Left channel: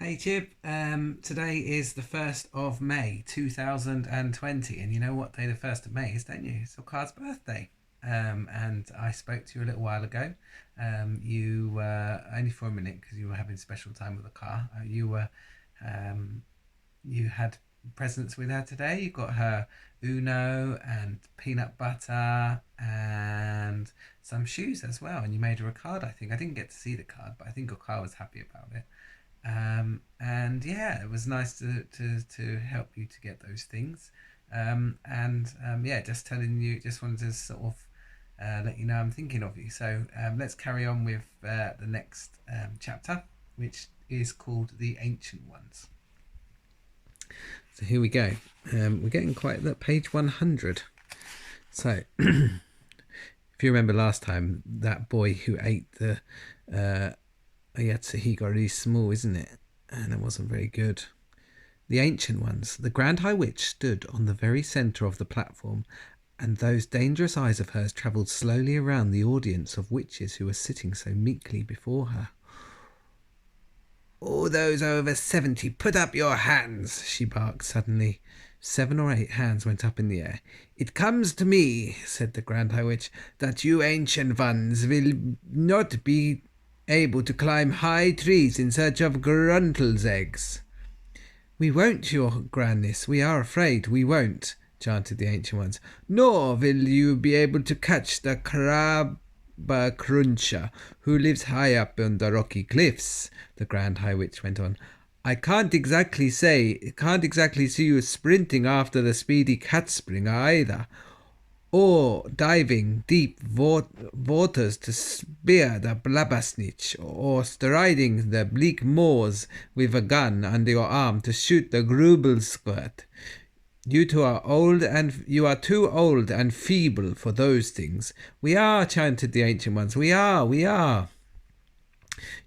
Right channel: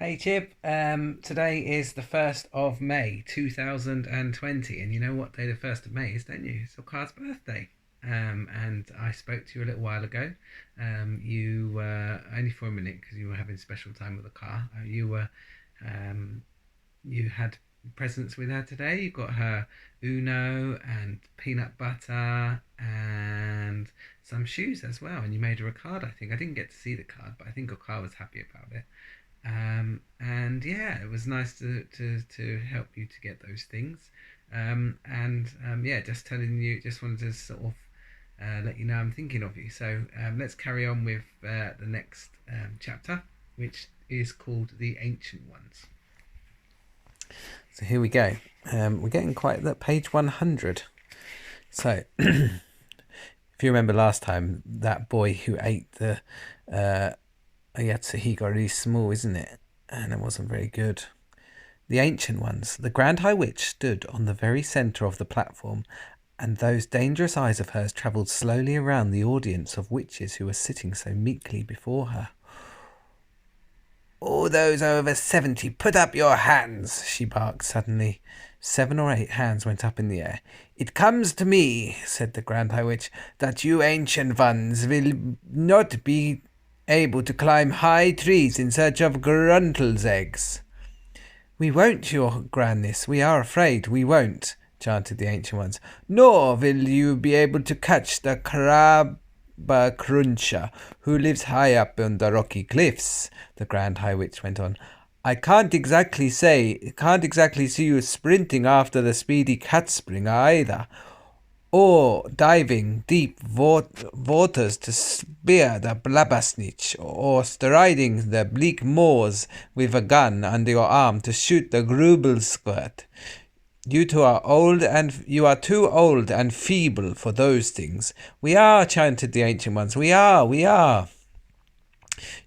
Hey Chip, today is the 1st of May 2020, and you know what day the 1st of May is, don't you? It's your car's birthday. And I spoke to you a little while ago. You were only for a minute because you were having special time with the car. Um, you had presents with her today. You got her Uno and peanut butter and some shoes as well. And you made her a card, I think. I didn't get to see the card, but I think your car was happy about it. And yeah, it was nice to help you to get those things. Yeah, just telling you, just wanted to sort of let you know I'm thinking of you. So let's carry on with the next chapter, which is called The Ancient Ones. So here we go. We're getting quite at page 100. So if you remember last time, that boy who ate the he got really small, isn't it? And it wasn't very good. The Ancient Ones. The Grand High Witch stood on the very centre of the platform, and those dangerous eyes of hers travelled slowly around the audience of witches who were sitting so meekly before her. "All those over 70, put up your hands," she barked suddenly. 7 or 8 hands went up in the air. "It comes to me," said the Grand High Witch, "that you ancient ones will not be able to climb high trees in search of gruntles' eggs." "We won't, your grandness, we are afraid we won't," chanted the ancient ones. "Nor will you be able to catch the cruncher who lives high up on the rocky cliffs," the Grand High Witch went on. I can't exactly see you sprinting after the speedy catspringer either, or diving deep waters to spear the blabbersnitch, or striding the bleak moors with a gun under your arm to shoot the grubelsquirt. You are too old and feeble for those things. "We are," chanted the ancient ones. We are.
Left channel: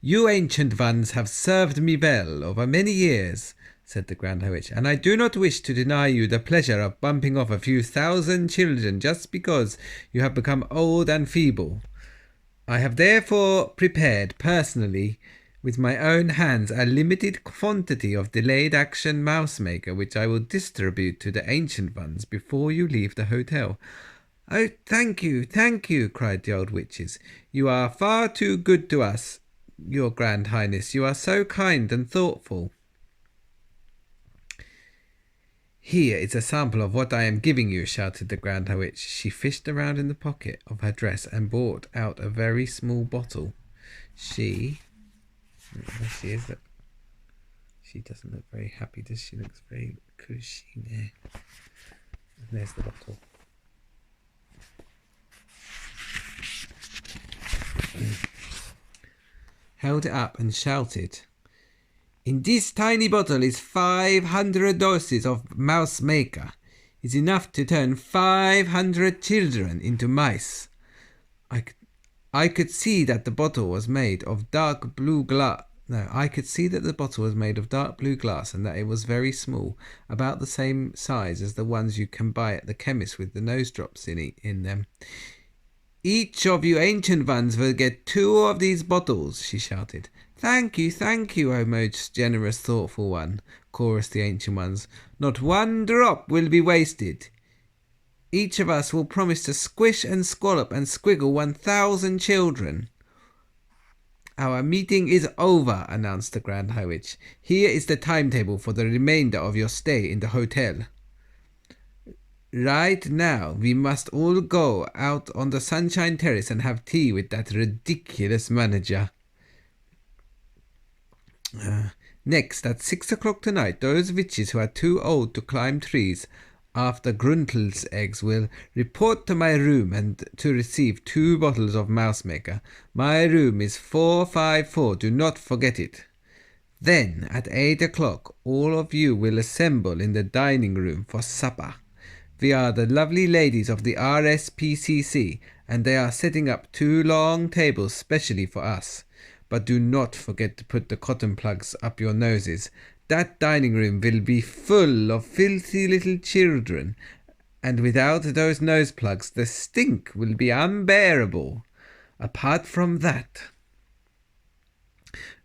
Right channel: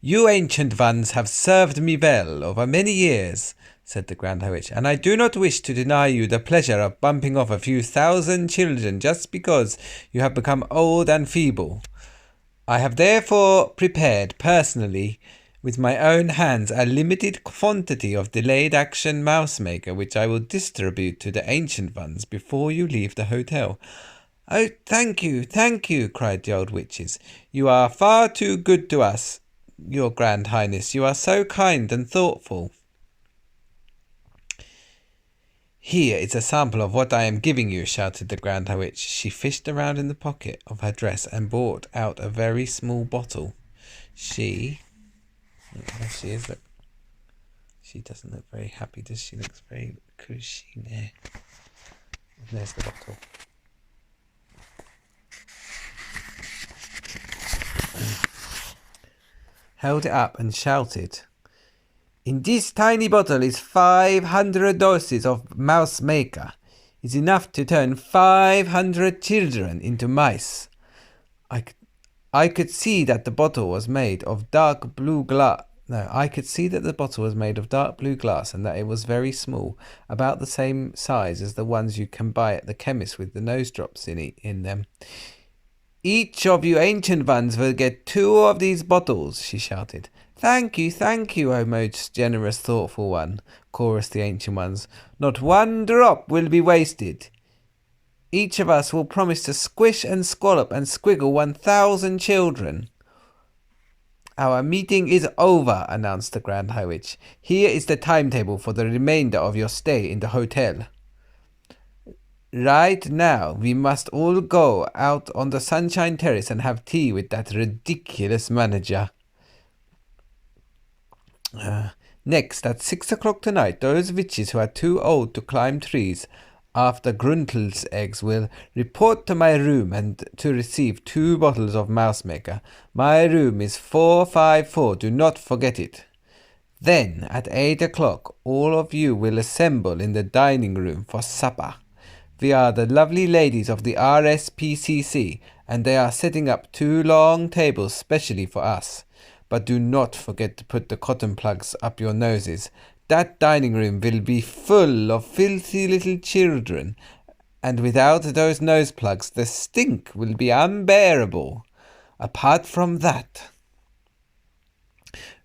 "You ancient ones have served me well over many years," said the Grand High Witch, "and I do not wish to deny you the pleasure of bumping off a few thousand children just because you have become old and feeble. I have therefore prepared personally with my own hands a limited quantity of delayed action mouse maker, which I will distribute to the ancient ones before you leave the hotel." "Oh, thank you, cried the old witches. "You are far too good to us, your Grand Highness. You are so kind and thoughtful." "Here is a sample of what I am giving you," shouted the Grand High Witch. She fished around in the pocket of her dress and brought out a very small bottle. There she is. Look. She doesn't look very happy, does she? Looks very cushy there. And there's the bottle. Held it up and shouted, "In this tiny bottle is 500 doses of mouse maker. It's enough to turn 500 children into mice." I could see that the bottle was made of dark blue glass. I could see that the bottle was made of dark blue glass and that it was very small, about the same size as the ones you can buy at the chemist with the nose drops in them. "Each of you ancient ones will get 2 of these bottles," she shouted. Thank you, O most generous, thoughtful one," chorused the ancient ones. "Not one drop will be wasted. Each of us will promise to squish and squallop and squiggle 1,000 children." "Our meeting is over," announced the Grand High Witch. "Here is the timetable for the remainder of your stay in the hotel. Right now, we must all go out on the Sunshine Terrace and have tea with that ridiculous manager. Next, at 6 o'clock tonight, those witches who are too old to climb trees after Gruntle's eggs will report to my room and to receive 2 bottles of mouse maker. My room is 454. Do not forget it. Then, at 8 o'clock, all of you will assemble in the dining room for supper. We are the lovely ladies of the RSPCC, and they are setting up 2 long tables specially for us. But do not forget to put the cotton plugs up your noses. That dining room will be full of filthy little children, and without those nose plugs, the stink will be unbearable. Apart from that,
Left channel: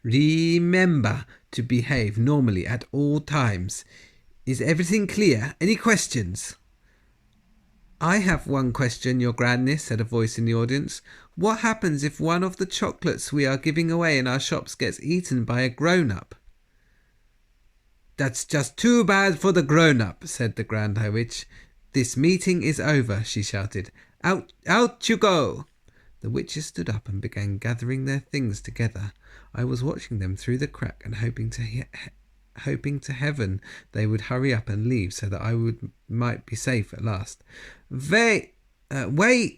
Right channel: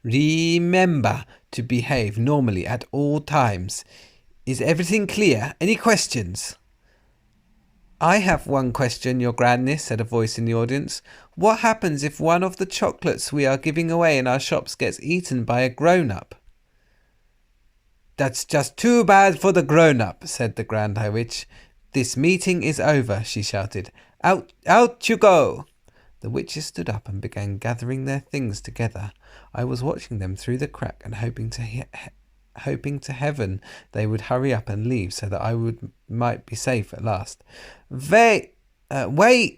remember to behave normally at all times. Is everything clear? Any questions? I have one question, Your Grandness, said a voice in the audience. What happens if one of the chocolates we are giving away in our shops gets eaten by a grown-up? That's just too bad for the grown-up, said the Grand High Witch. This meeting is over, she shouted. Out you go! The witches stood up and began gathering their things together. I was watching them through the crack and hoping to heaven they would hurry up and leave so that I might be safe at last. Wait!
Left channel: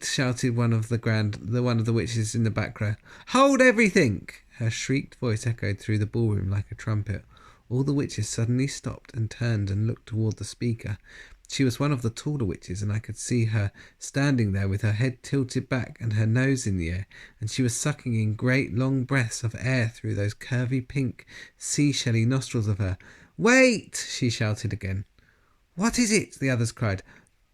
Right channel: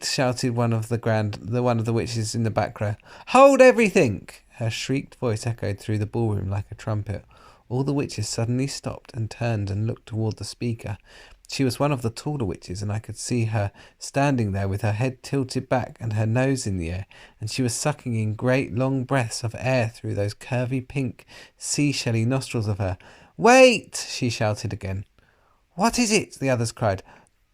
Shouted one of the witches in the back row. Hold everything! Her shrieked voice echoed through the ballroom like a trumpet. All the witches suddenly stopped and turned and looked toward the speaker. She was one of the taller witches, and I could see her standing there with her head tilted back and her nose in the air, and she was sucking in great long breaths of air through those curvy pink seashelly nostrils of her. Wait! She shouted again. What is it? The others cried.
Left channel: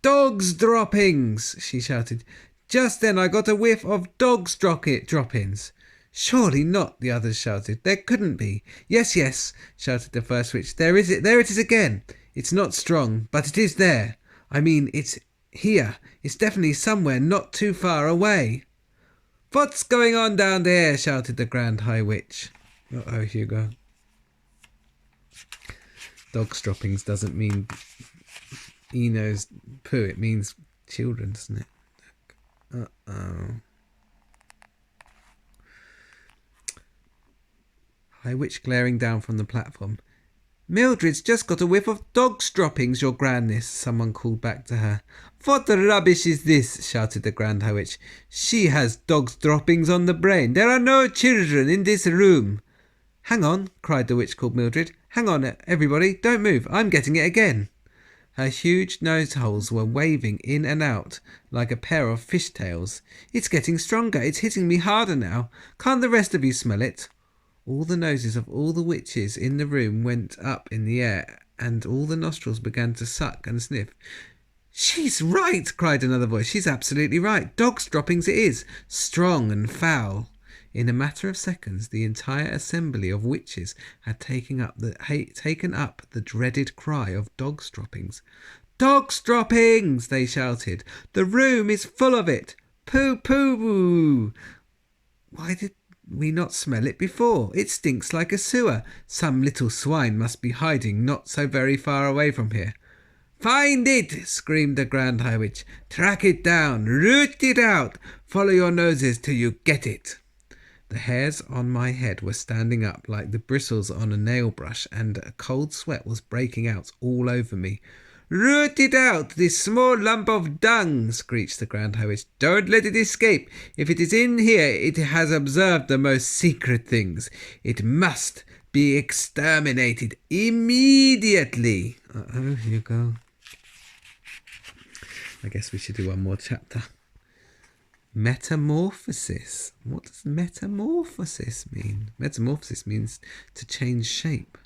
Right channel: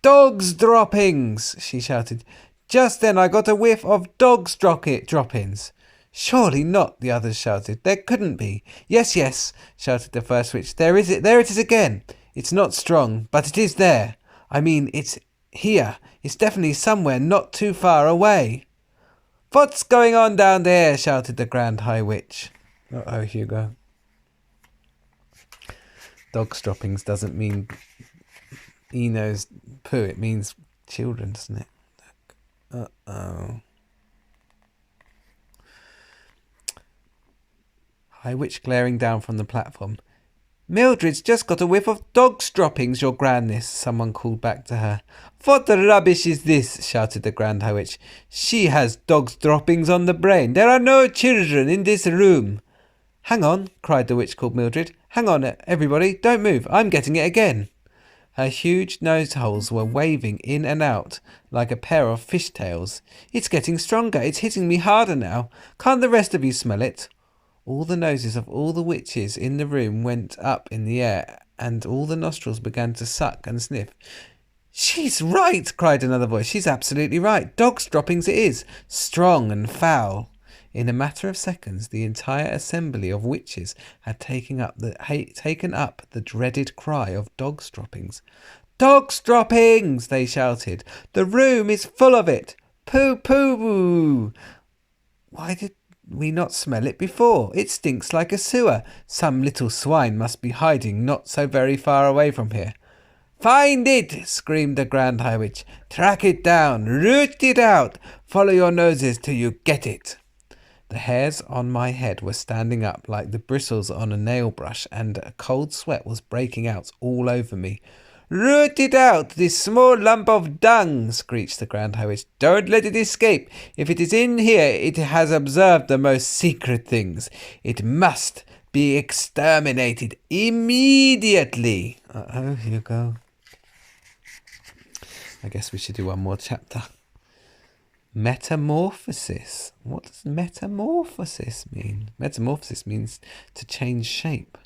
Dogs droppings! She shouted. Just then I got a whiff of dogs droppings. Surely not, the others shouted. There couldn't be. Yes, yes, shouted the first witch. There it is again. It's not strong, but it is there. I mean, it's here. It's definitely somewhere not too far away. What's going on down there? Shouted the Grand High Witch. Uh-oh, Hugo. Dog's droppings doesn't mean Eno's poo. It means children, doesn't it? Uh-oh. High Witch glaring down from the platform. Mildred's just got a whiff of dog's droppings, Your Grandness, someone called back to her. What rubbish is this? Shouted the Grand High Witch. She has dog's droppings on the brain. There are no children in this room. Hang on, cried the witch called Mildred. Hang on, everybody, don't move. I'm getting it again. Her huge nose holes were waving in and out like a pair of fishtails. It's getting stronger. It's hitting me harder now. Can't the rest of you smell it? All the noses of all the witches in the room went up in the air, and all the nostrils began to suck and sniff. She's right, cried another voice. She's absolutely right. Dog's droppings it is, strong and foul. In a matter of seconds, the entire assembly of witches had taken up the dreaded cry of dog's droppings. Dog's droppings, they shouted. The room is full of it. Poo poo. Why did we not smell it before? It stinks like a sewer. Some little swine must be hiding not so very far away from here. Find it! Screamed the Grand High Witch. Track it down. Root it out. Follow your noses till you get it. The hairs on my head were standing up like the bristles on a nail brush, and a cold sweat was breaking out all over me. Root it out, this small lump of dung, screeched the Grand High Witch. Don't let it escape. If it is in here, it has observed the most secret things. It must be exterminated immediately. Uh-oh, here you go. I guess we should do one more chapter. Metamorphosis. What does metamorphosis mean? Metamorphosis means to change shape.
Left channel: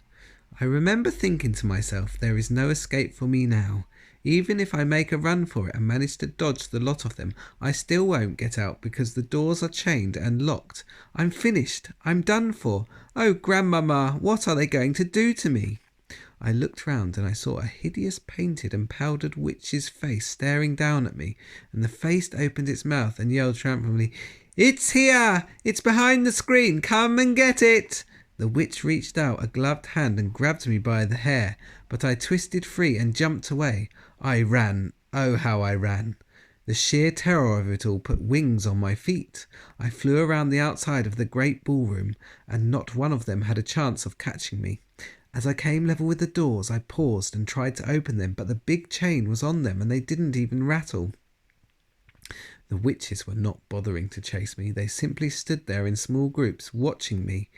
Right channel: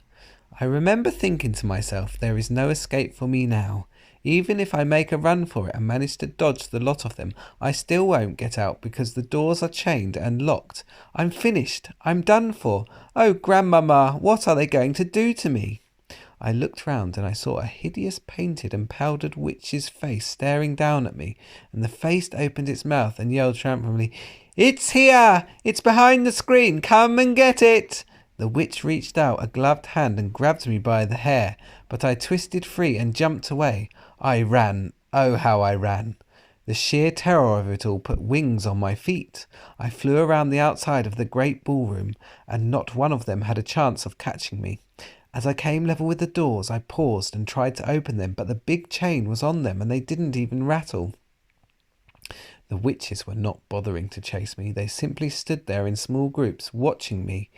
I remember thinking to myself, there is no escape for me now. Even if I make a run for it and manage to dodge the lot of them, I still won't get out because the doors are chained and locked. I'm finished. I'm done for. Oh, Grandmama, what are they going to do to me? I looked round and I saw a hideous painted and powdered witch's face staring down at me, and the face opened its mouth and yelled triumphantly, It's here! It's behind the screen! Come and get it! The witch reached out a gloved hand and grabbed me by the hair, but I twisted free and jumped away. I ran. Oh, how I ran. The sheer terror of it all put wings on my feet. I flew around the outside of the great ballroom, and not one of them had a chance of catching me. As I came level with the doors, I paused and tried to open them, but the big chain was on them and they didn't even rattle. The witches were not bothering to chase me. They simply stood there in small groups, watching me,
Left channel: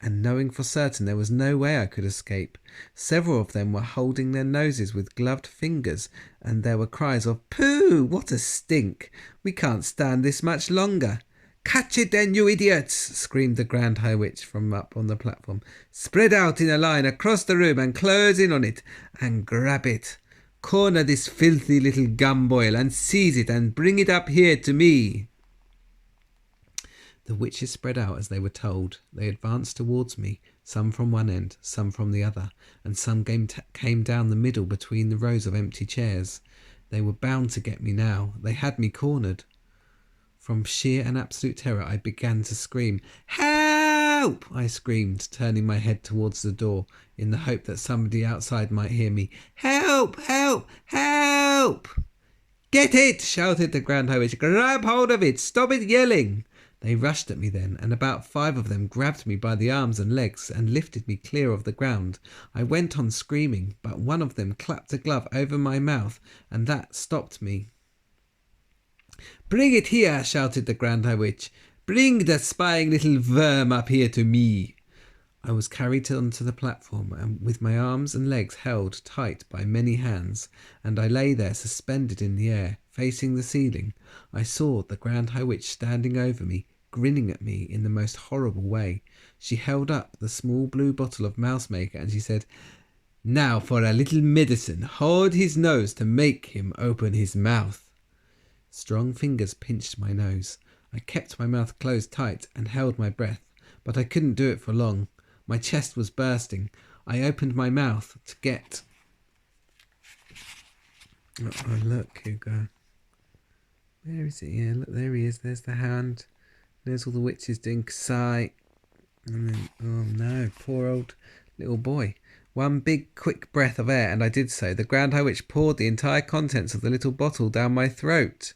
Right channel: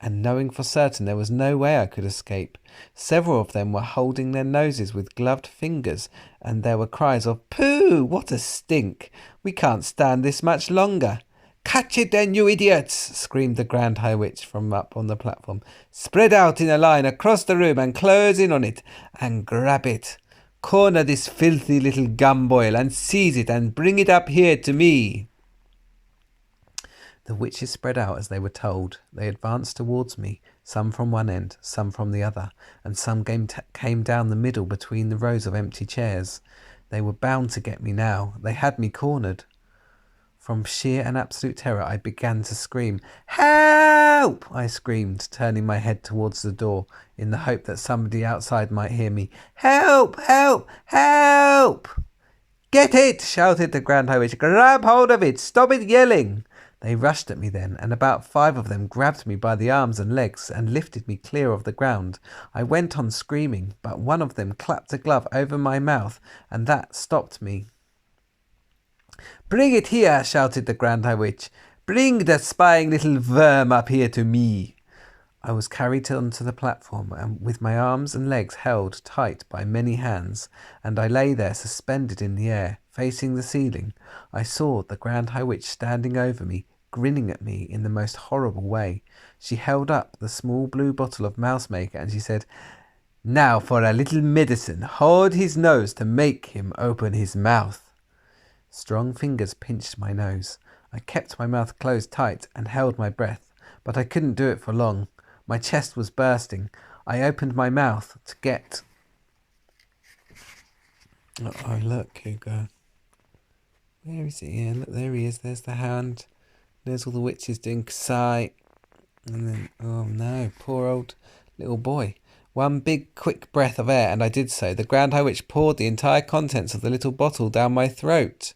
and knowing for certain there was no way I could escape. Several of them were holding their noses with gloved fingers, and there were cries of, Pooh! What a stink! We can't stand this much longer. Catch it then, you idiots! Screamed the Grand High Witch from up on the platform. Spread out in a line across the room and close in on it, and grab it. Corner this filthy little gumboil and seize it and bring it up here to me. The witches spread out as they were told. They advanced towards me, some from one end, some from the other, and some came down the middle between the rows of empty chairs. They were bound to get me now. They had me cornered. From sheer and absolute terror, I began to scream. "Help!" I screamed, turning my head towards the door in the hope that somebody outside might hear me. "Help! Help! Help!" "Get it!" shouted the Grand High Witch. "Grab hold of it! Stop it yelling!" They rushed at me then, and about 5 of them grabbed me by the arms and legs and lifted me clear of the ground. I went on screaming, but one of them clapped a glove over my mouth, and that stopped me. "Bring it here!" shouted the Grand High Witch. "Bring the spying little worm up here to me." I was carried onto the platform, and with my arms and legs held tight by many hands, and I lay there suspended in the air, facing the ceiling. I saw the Grand High Witch standing over me, grinning at me in the most horrible way. She held up the small blue bottle of mouse maker, and she said, "Now for a little medicine. Hold his nose to make him open his mouth." Strong fingers pinched my nose. I kept my mouth closed tight and held my breath, but I couldn't do it for long. My chest was bursting. I opened my mouth to get... Oh, look, Hugo. Where is it? Yeah, look, there he is. There's the hand. There's all the witches doing Ksai. And then, oh no, poor old little boy. One big, quick breath of air, and I did so. The Grand High Witch poured the entire contents of the little bottle down my throat.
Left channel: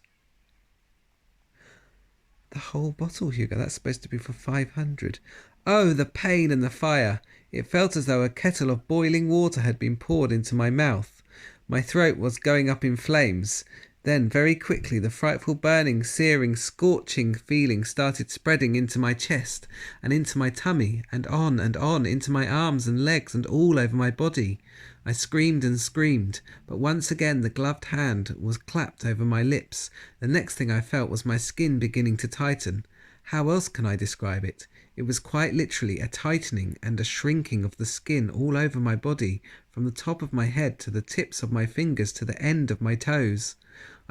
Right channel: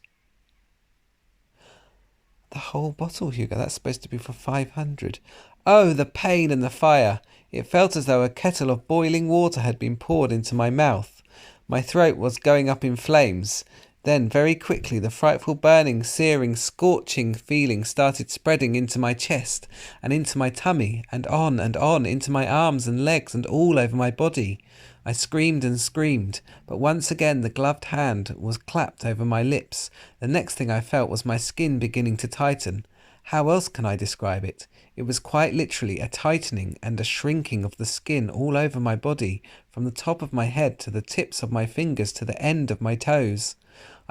The whole bottle, Hugo. That's supposed to be for 500. Oh, the pain and the fire. It felt as though a kettle of boiling water had been poured into my mouth. My throat was going up in flames. Then, very quickly, the frightful burning, searing, scorching feeling started spreading into my chest and into my tummy and on into my arms and legs and all over my body. I screamed and screamed, but once again the gloved hand was clapped over my lips. The next thing I felt was my skin beginning to tighten. How else can I describe it? It was quite literally a tightening and a shrinking of the skin all over my body, from the top of my head to the tips of my fingers to the end of my toes.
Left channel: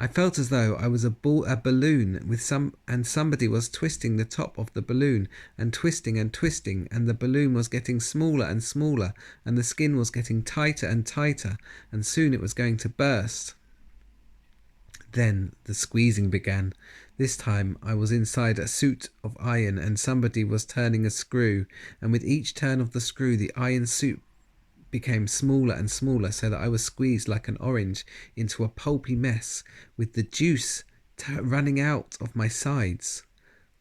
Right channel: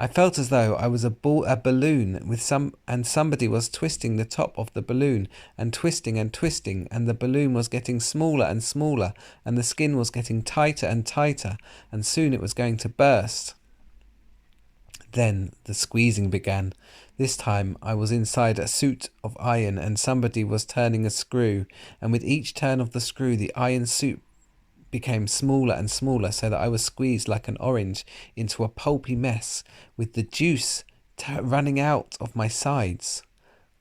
I felt as though I was a balloon with somebody was twisting the top of the balloon and twisting, and the balloon was getting smaller and smaller, and the skin was getting tighter and tighter, and soon it was going to burst. Then the squeezing began. This time I was inside a suit of iron, and somebody was turning a screw, and with each turn of the screw the iron suit became smaller and smaller, so that I was squeezed like an orange into a pulpy mess, with the juice running out of my sides.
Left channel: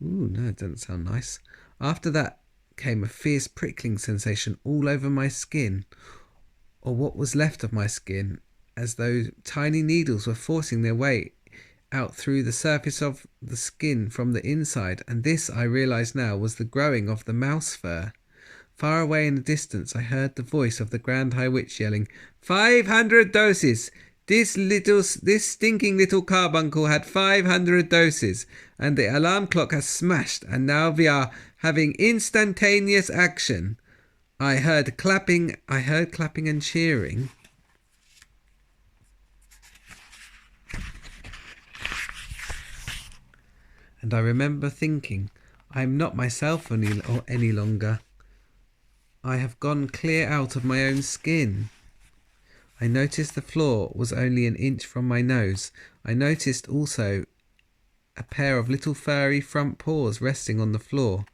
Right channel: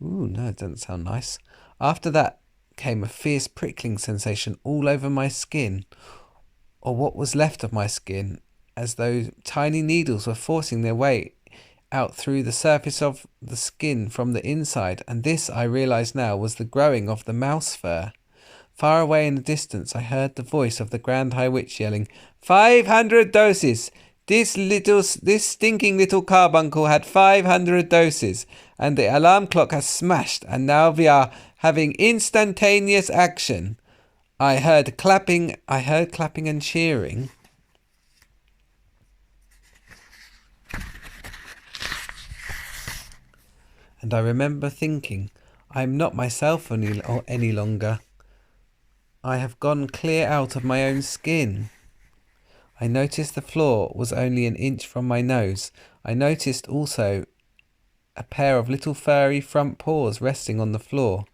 Ooh, no, it doesn't sound nice. After that came a fierce prickling sensation all over my skin, or what was left of my skin, as though tiny needles were forcing their way out through the surface of the skin from the inside, and this, I realized now, was the growing of the mouse fur. Far away in the distance I heard the voice of the Grand High Witch yelling, 500 doses! This stinking little carbuncle had 500 doses, and the alarm clock has smashed, and now we are having instantaneous action. I heard clapping and cheering. And I remember thinking, I am not myself any longer. I have gone clear out of my own skin. I noticed the floor was only an inch from my nose. I noticed also a pair of little furry front paws resting on the floor.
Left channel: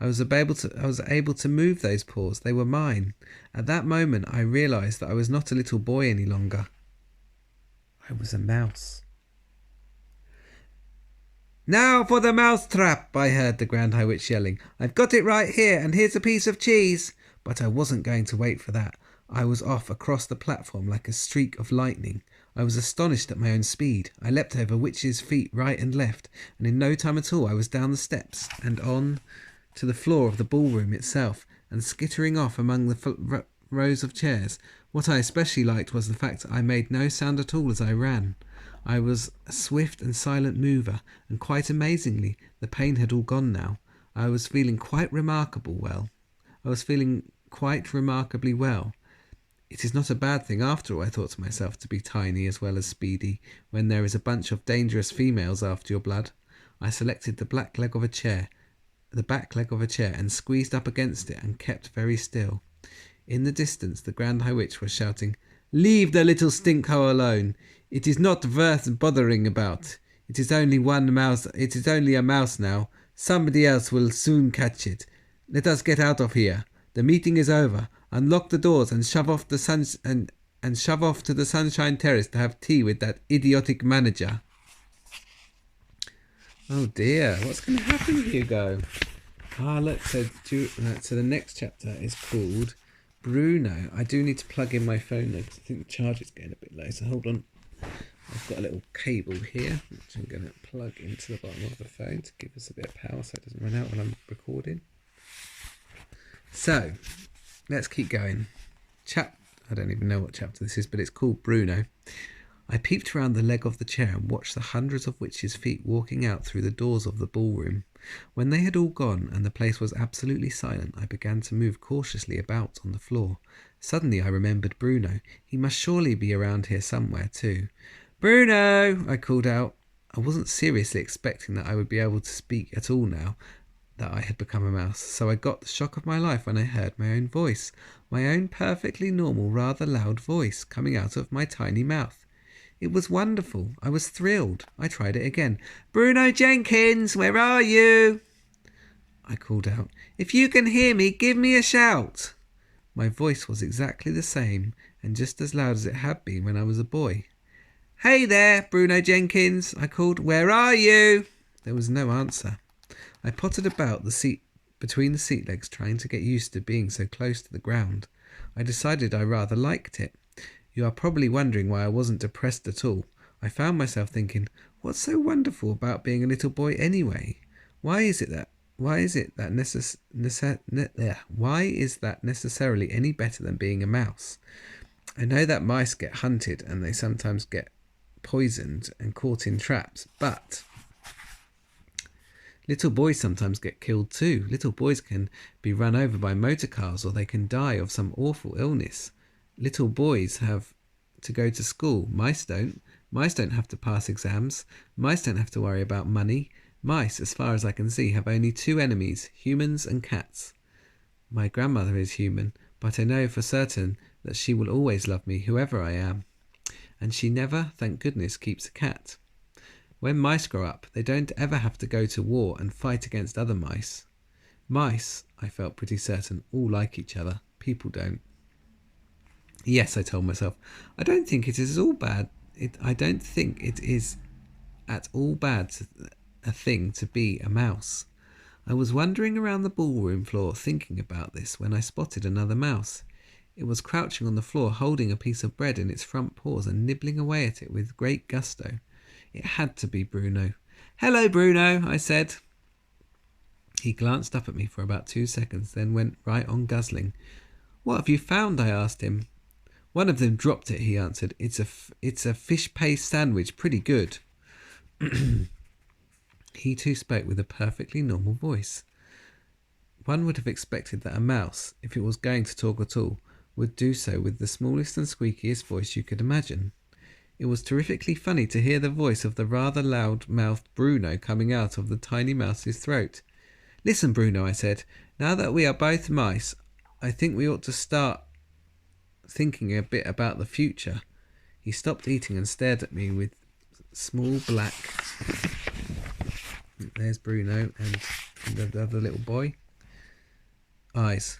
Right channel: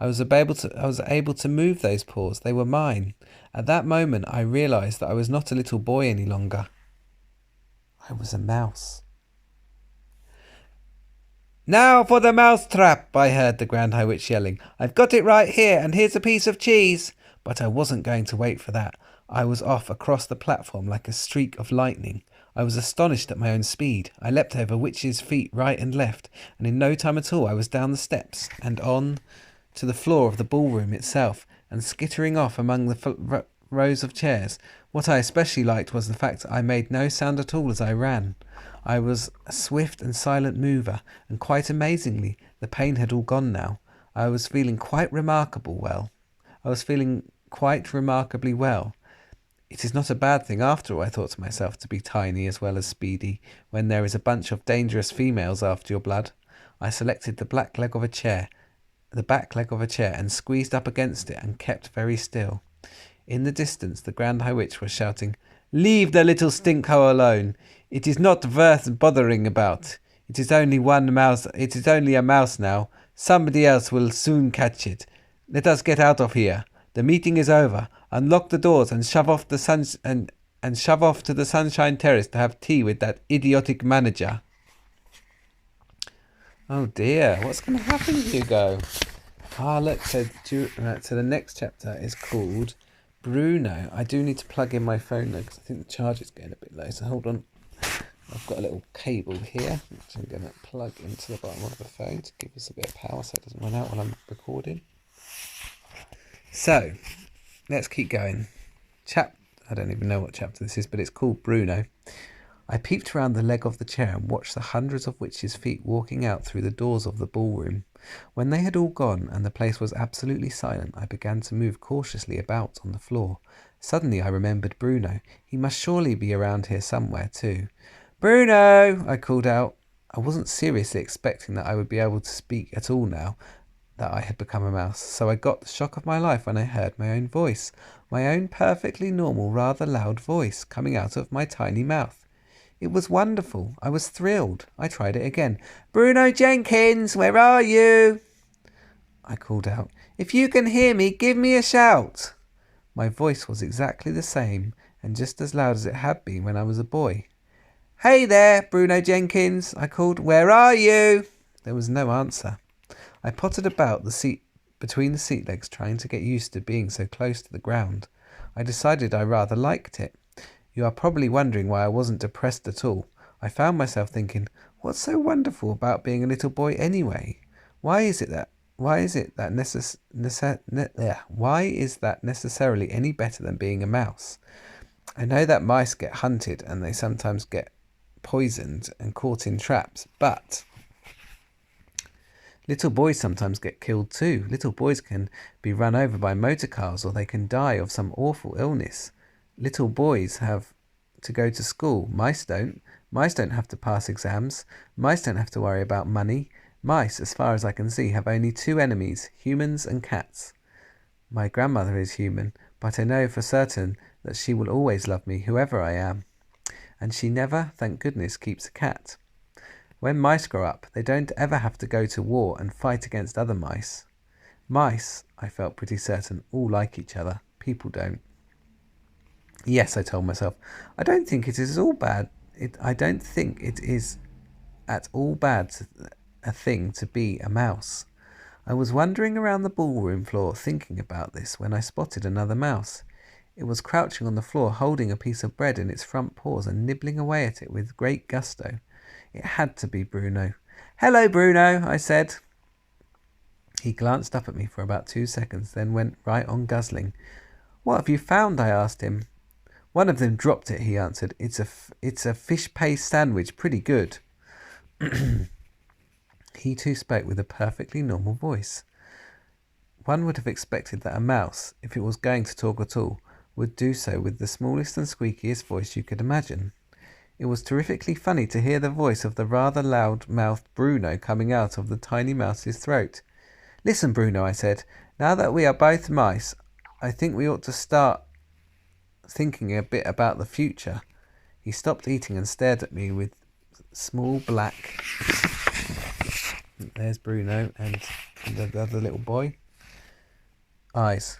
I was able to move those paws. They were mine. At that moment I realized that I was not a little boy any longer. I was a mouse. "Now for the mouse trap," I heard the Grand High Witch yelling. "I've got it right here, and here's a piece of cheese." But I wasn't going to wait for that. I was off across the platform like a streak of lightning. I was astonished at my own speed. I leapt over witches' feet right and left, and in no time at all I was down the steps and on to the floor of the ballroom itself, and skittering off among the rows of chairs. What I especially liked was the fact that I made no sound at all as I ran. I was a swift and silent mover, and quite amazingly, the pain had all gone now. I was feeling quite remarkably well. It is not a bad thing after all, I thought to myself, to be tiny as well as speedy, when there is a bunch of dangerous females after your blood. I selected the black leg of a chair, the back leg of a chair and squeezed up against it and kept very still. In the distance, the Grand High Witch was shouting, "Leave the little stinkho alone. It is not worth bothering about. It is only one mouse. It is only a mouse now. Somebody else will soon catch it. Let us get out of here. The meeting is over. Unlock the doors and shove off the and shove off to the Sunshine Terrace to have tea with that idiotic manager." Oh dear, what's going to happen, Hugo? Look, so the next chapter is called Bruno. I do need to plug in my phone though, because I think the charge is getting a bit low, so hold on. I've got a little cable here, which I'm going to plug into the bottom of the phone to give us a bit of power so it doesn't run out when I'm recording. So, let's keep going. I don't even know what chapter this is, but it's called Bruno. I peeped around the leg of the chair and watched the hundreds of witches' feet walking out through the doors of the ballroom. When they had all gone and the place was absolutely silent, I began to move cautiously about on the floor. Suddenly I remembered Bruno. He must surely be around here somewhere too. "Bruno!" I called out. I wasn't seriously expecting that I would be able to speak at all now that I had become a mouse, so I got the shock of my life when I heard my own voice, my own perfectly normal, rather loud voice, coming out of my tiny mouth. It was wonderful. I was thrilled. I tried it again. "Bruno Jenkins, where are you?" I called out. "If you can hear me, give me a shout." My voice was exactly the same, and just as loud as it had been when I was a boy. "Hey there, Bruno Jenkins," I called. "Where are you?" There was no answer. I pottered about the seat between the seat legs, trying to get used to being so close to the ground. I decided I rather liked it. You are probably wondering why I wasn't depressed at all. I found myself thinking, what's so wonderful about being a little boy anyway? Why is that necessarily any better than being a mouse? I know that mice get hunted and they sometimes get poisoned and caught in traps, but little boys sometimes get killed too. Little boys can be run over by motor cars, or they can die of some awful illness. Little boys have to go to school. Mice don't. Mice don't have to pass exams. Mice don't have to worry about money. Mice, as far as I can see, have only two enemies, humans and cats. My grandmother is human, but I know for certain that she will always love me, whoever I am. And she never, thank goodness, keeps a cat. When mice grow up, they don't ever have to go to war and fight against other mice. Mice, I felt pretty certain, all like each other. People don't. Yes, I told myself, I don't think it is all bad. I don't think it is at all bad a thing to be a mouse. I was wandering around the ballroom floor thinking about this when I spotted another mouse. It was crouching on the floor, holding a piece of bread in its front paws and nibbling away at it with great gusto. It had to be Bruno. "Hello, Bruno," I said. He glanced up at me for about 2 seconds, then went right on guzzling. "What have you found?" I asked him. "One of them dropped it," he answered. It's a fish paste sandwich, pretty good." He too spoke with a perfectly normal voice. One would have expected that a mouse, if it was going to talk at all, would do so with the smallest and squeakiest voice you could imagine. It was terrifically funny to hear the voice of the rather loud-mouthed Bruno coming out of the tiny mouse's throat. "Listen, Bruno," I said, "now that we are both mice, I think we ought to start thinking a bit about the future." He stopped eating and stared at me with small black... There's Bruno and the other little boy. Eyes.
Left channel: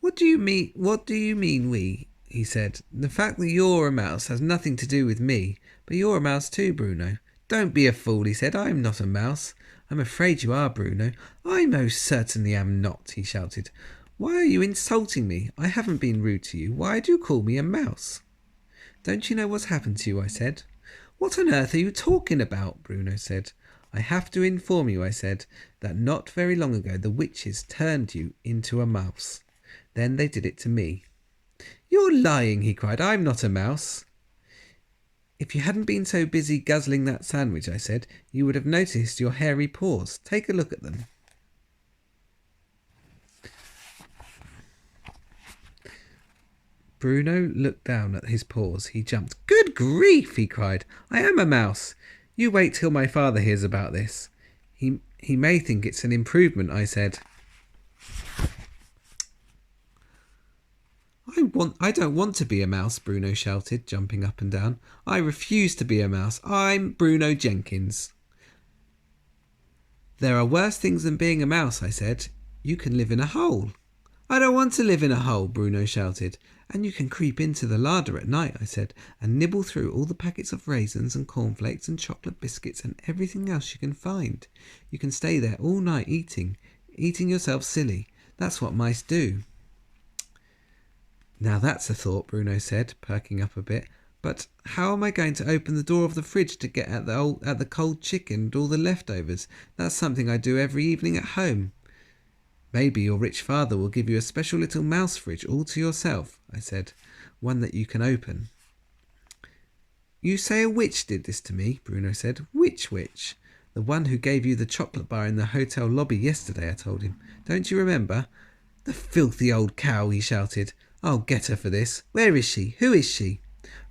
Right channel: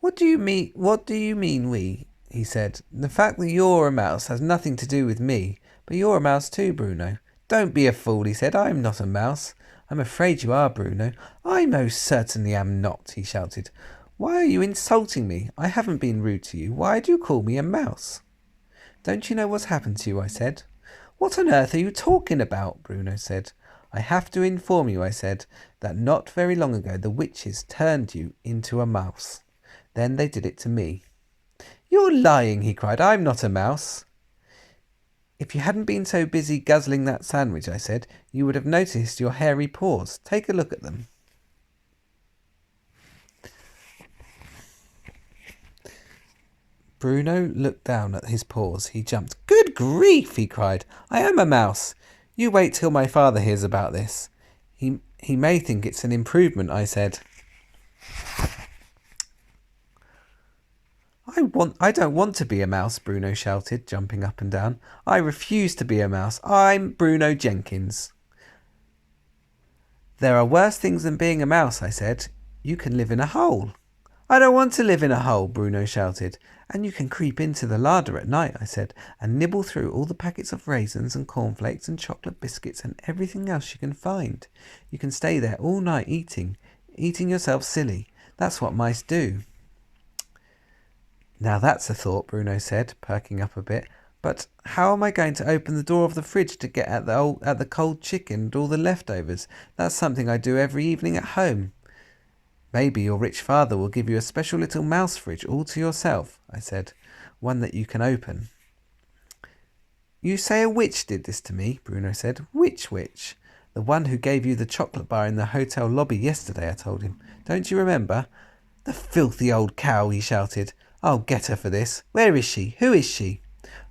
What do you mean we?" he said. "The fact that you're a mouse has nothing to do with me, but you're a mouse too, Bruno." "Don't be a fool," he said. "I'm not a mouse." "I'm afraid you are, Bruno." "I most certainly am not," he shouted. "Why are you insulting me? I haven't been rude to you. Why do you call me a mouse?" "Don't you know what's happened to you?" I said. "What on earth are you talking about?" Bruno said. "I have to inform you," I said, "that not very long ago the witches turned you into a mouse. Then they did it to me." "You're lying," he cried. "I'm not a mouse." "If you hadn't been so busy guzzling that sandwich," I said, "you would have noticed your hairy paws. Take a look at them." Bruno looked down at his paws. He jumped. "Good grief," he cried. "I am a mouse. You wait till my father hears about this. He may think it's an improvement, I said. I don't want to be a mouse, Bruno shouted, jumping up and down. I refuse to be a mouse. I'm Bruno Jenkins. There are worse things than being a mouse, I said. You can live in a hole. I don't want to live in a hole, Bruno shouted. And you can creep into the larder at night, I said, and nibble through all the packets of raisins and cornflakes and chocolate biscuits and everything else you can find. You can stay there all night eating yourself silly. That's what mice do. Now that's a thought, Bruno said, perking up a bit. But how am I going to open the door of the fridge to get at the cold chicken and all the leftovers? That's something I do every evening at home. Maybe your rich father will give you a special little mouse fridge all to yourself, I said, one that you can open. You say a witch did this to me, Bruno said. Which witch? The one who gave you the chocolate bar in the hotel lobby yesterday, I told him. Don't you remember? The filthy old cow, he shouted. I'll get her for this. Where is she? Who is she?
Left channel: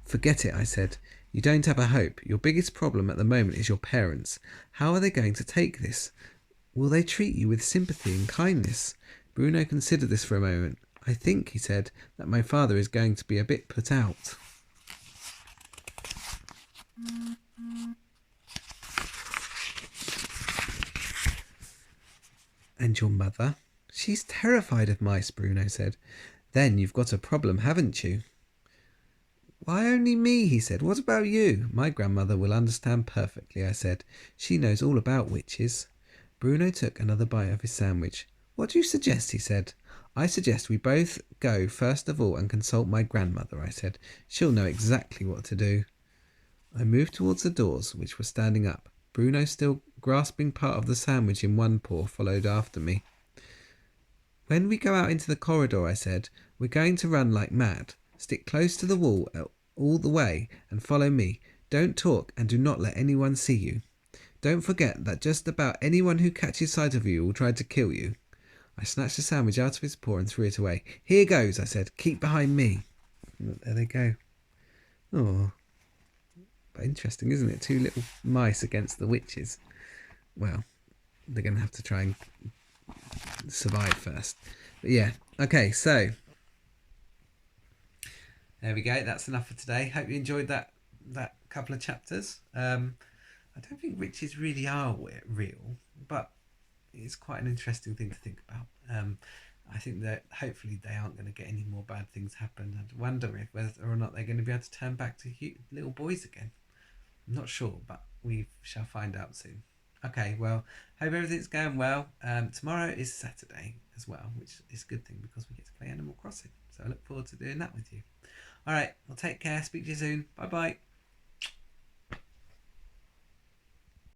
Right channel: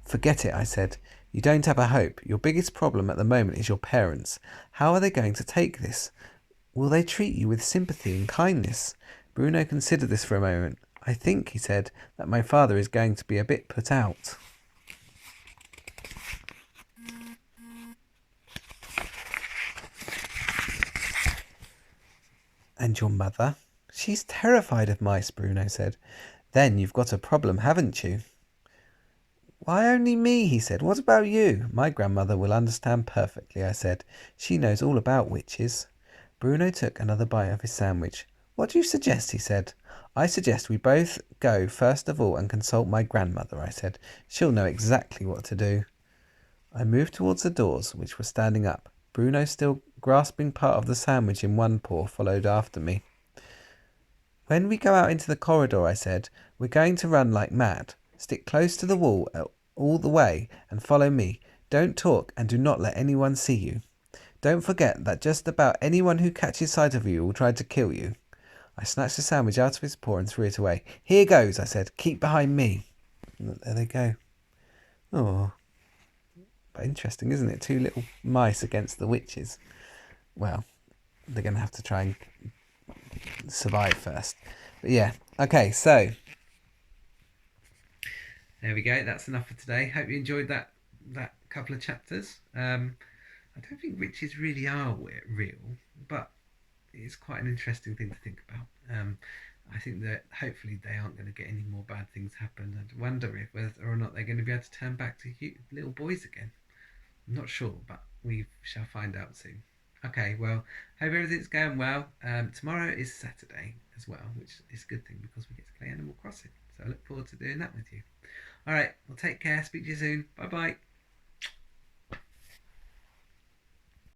Forget it, I said. You don't have a hope. Your biggest problem at the moment is your parents. How are they going to take this? Will they treat you with sympathy and kindness? Bruno considered this for a moment. I think, he said, that my father is going to be a bit put out. And your mother? She's terrified of mice, Bruno said. Then you've got a problem, haven't you? Why only me, he said. What about you? My grandmother will understand perfectly, I said. She knows all about witches. Bruno took another bite of his sandwich. What do you suggest, he said. I suggest we both go first of all and consult my grandmother, I said. She'll know exactly what to do. I moved towards the doors, which were standing up. Bruno, still grasping part of the sandwich in one paw, followed after me. When we go out into the corridor, I said, we're going to run like mad. Stick close to the wall all the way and follow me. Don't talk and do not let anyone see you. Don't forget that just about anyone who catches sight of you will try to kill you. I snatched the sandwich out of his paw and threw it away. Here goes, I said. Keep behind me. There they go. Oh, but interesting, isn't it? 2 little mice against the witches. Well, they're going to have to try and survive first. But yeah, okay, so there we go. That's enough for today. Hope you enjoyed that couple of chapters. I don't think witches really are real, but it's quite an interesting thing to think about. I think that hopefully they aren't going to get any more bad things happen. I wonder if whether or not they're going to be able to turn back to little boys again. I'm not sure, but we shall find out soon. Okay, well, hope everything's going well. Tomorrow is Saturday as well, which is a good thing because we get to play Animal Crossing. So I look forward to doing that with you. All right, well, take care. Speak to you soon. Bye-bye.